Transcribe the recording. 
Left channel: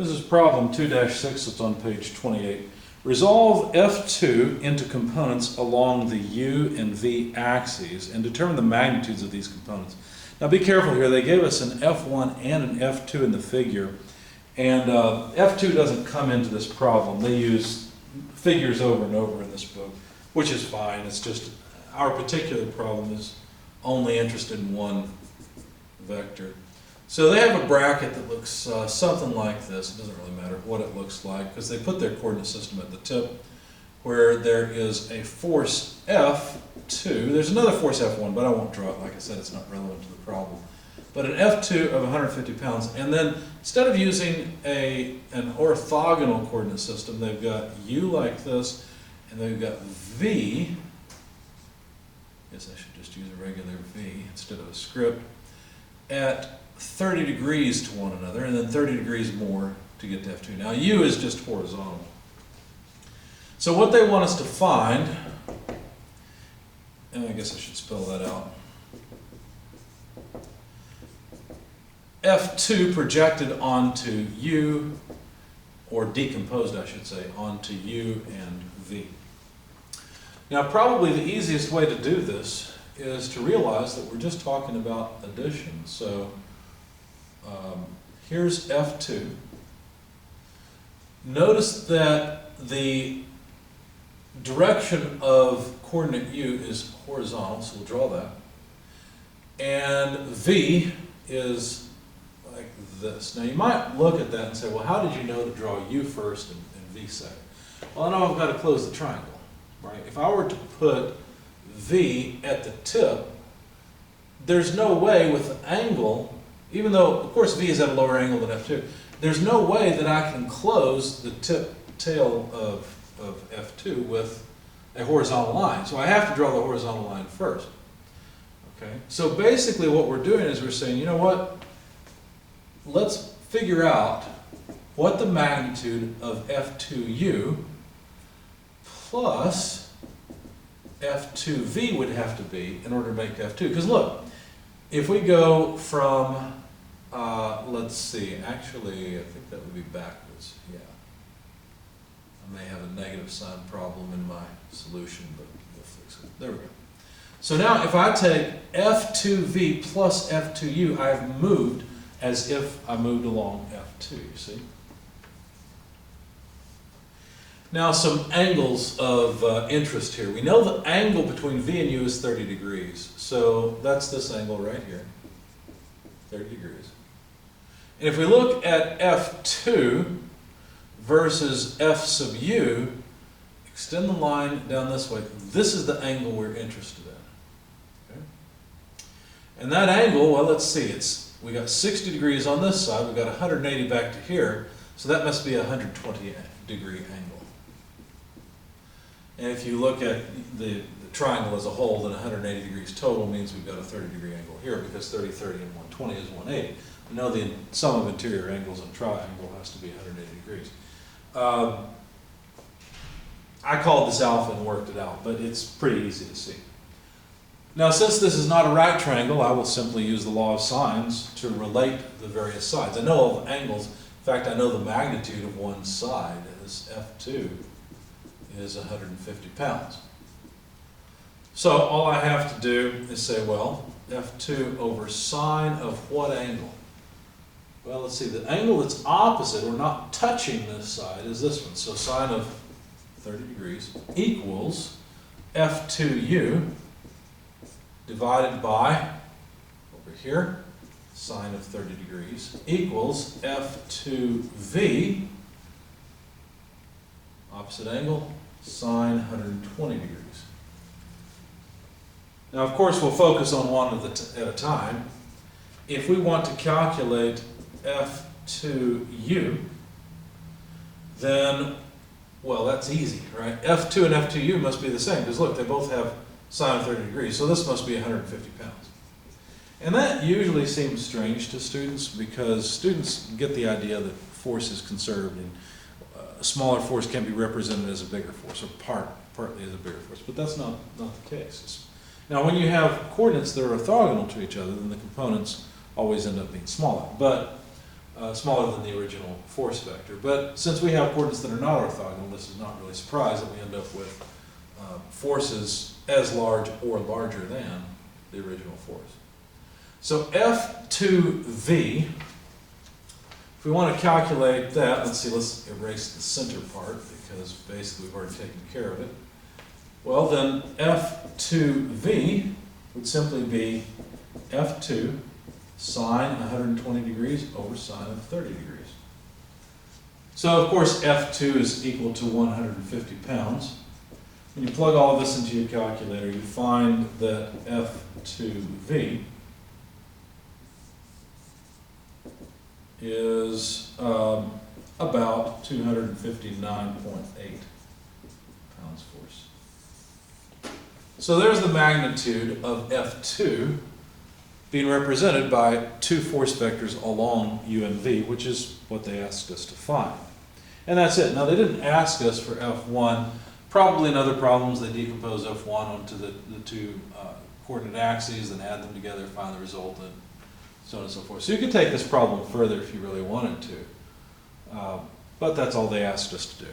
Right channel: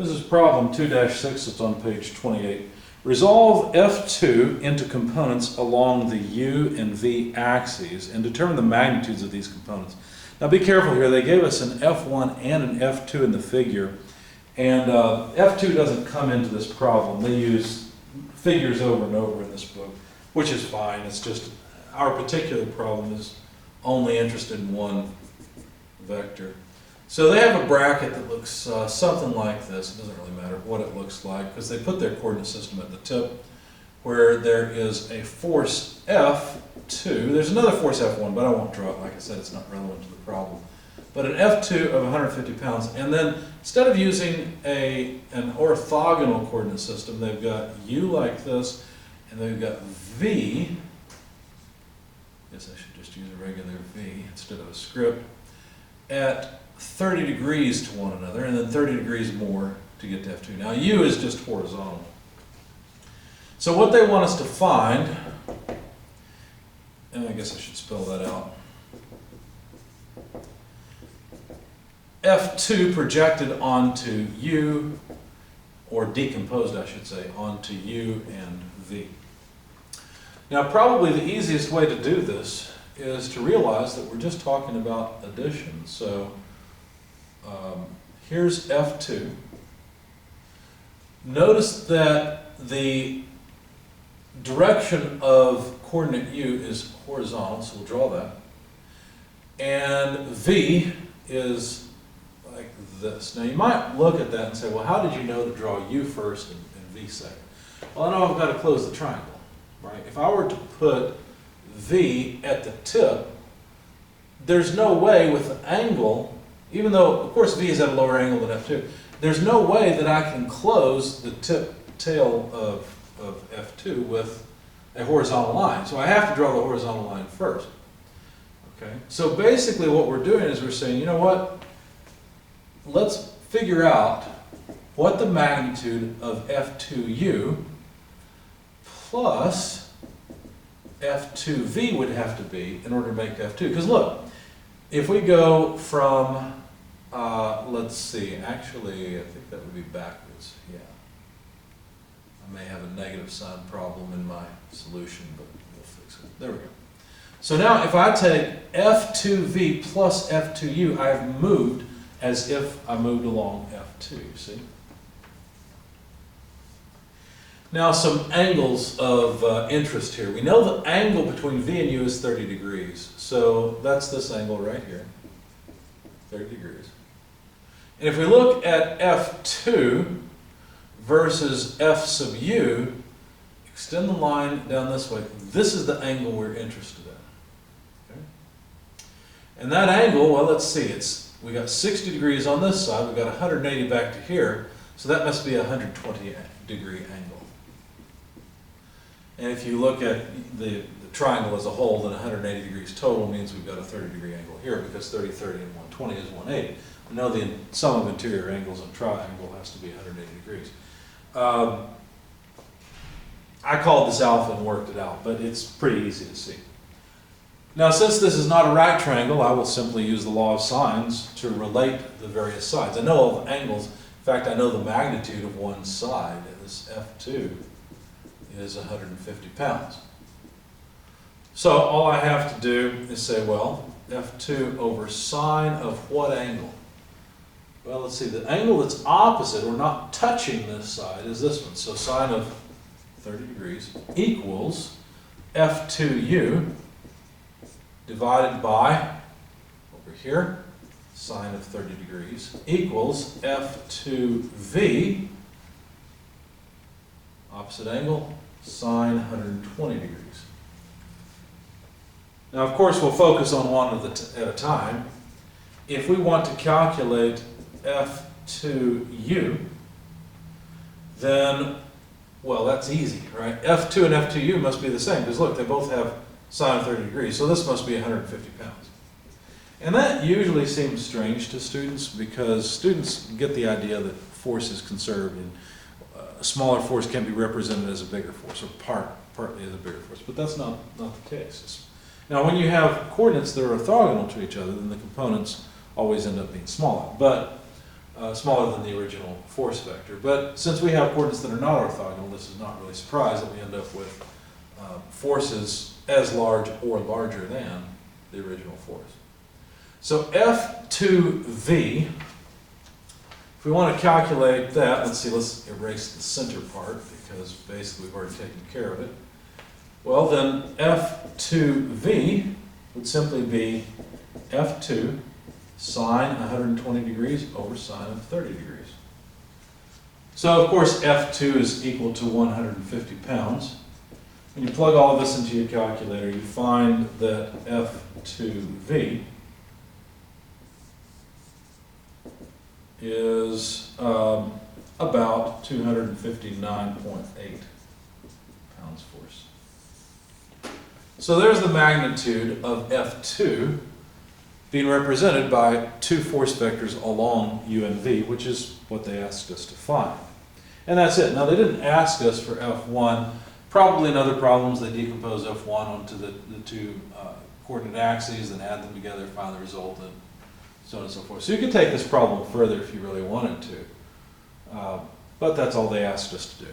This is problem 2-6, it's on page 28. Resolve F2 into components along the U and V axes and determine the magnitudes of these components. Now be careful here, they gave us an F1 and an F2 in the figure, and F2 doesn't come into this problem. They use figures over and over in this book, which is fine. It's just our particular problem is only interested in one vector. So they have a bracket that looks something like this. It doesn't really matter what it looks like because they put their coordinate system at the tip where there is a force F2. There's another force F1, but I won't draw it. Like I said, it's not relevant to the problem. But an F2 of 150 pounds. And then instead of using an orthogonal coordinate system, they've got U like this, and they've got V. I guess I should just use a regular V instead of a script. At 30 degrees to one another, and then 30 degrees more to get to F2. Now U is just horizontal. So what they want us to find, and I guess I should spell that out, F2 projected onto U, or decomposed I should say, onto U and V. Now probably the easiest way to do this is to realize that we're just talking about addition. So here's F2. Notice that the direction of coordinate U is horizontal, so we'll draw that. And V is like this. Now you might look at that and say, well, how did you know to draw U first and V second? Well, I know I've got to close the triangle, right? If I were to put V at the tip, there's no way with the angle, even though, of course, V is at a lower angle than F2, there's no way that I can close the tail of F2 with a horizontal line. So I have to draw the horizontal line first. Okay? So basically what we're doing is we're saying, you know what? Let's figure out what the magnitude of F2U plus F2V would have to be in order to make F2. Because look, if we go from, let's see, actually, I think that would be backwards, yeah. I may have a negative sign problem in my solution, but we'll fix it. There we go. So now if I take F2V plus F2U, I've moved as if I moved along F2, you see? Now some angles of interest here. We know the angle between V and U is 30 degrees. So that's this angle right here, 30 degrees. And if we look at F2 versus F sub U, extend the line down this way. This is the angle we're interested in. Okay? And that angle, well, let's see, we got 60 degrees on this side, we've got 180 back to here, so that must be a 120 degree angle. And if you look at the triangle as a whole, then 180 degrees total means we've got a 30 degree angle here because 30, 30, and 120 is 180. We know the sum of interior angles in a triangle has to be 180 degrees. I called this alpha and worked it out, but it's pretty easy to see. Now since this is not a right triangle, I will simply use the law of sines to relate the various sides. I know all the angles. In fact, I know the magnitude of one side. This F2 is 150 pounds. So all I have to do is say, well, F2 over sine of what angle? Well, let's see, the angle that's opposite or not touching this side is this one. So sine of 30 degrees equals F2U divided by, over here, sine of 30 degrees equals F2V, opposite angle, sine 120 degrees. Now, of course, we'll focus on one at a time. If we want to calculate F2U, then, well, that's easy, right? F2 and F2U must be the same, because look, they both have sine of 30 degrees, so this must be 150 pounds. And that usually seems strange to students, because students get the idea that force is conserved, and a smaller force can be represented as a bigger force, or partly as a bigger force, but that's not the case. Now, when you have coordinates that are orthogonal to each other, then the components always end up being smaller. But smaller than the original force vector. But since we have coordinates that are not orthogonal, this is not really a surprise that we end up with forces as large or larger than the original force. So F2V, if we want to calculate that, let's erase the center part because basically we've already taken care of it. Well, then F2V would simply be F2 sine 120 degrees over sine of 30 degrees. So of course F2 is equal to 150 pounds. When you plug all of this into your calculator, you find that F2V is about 259.8 pounds force. So there's the magnitude of F2 being represented by two force vectors along U and V, which is what they asked us to find. And that's it. Now they didn't ask us for F1. Probably in other problems they decompose F1 onto the two coordinate axes and add them together, find the result, and so on and so forth. So you could take this problem further if you really wanted to. But that's all they asked us to do.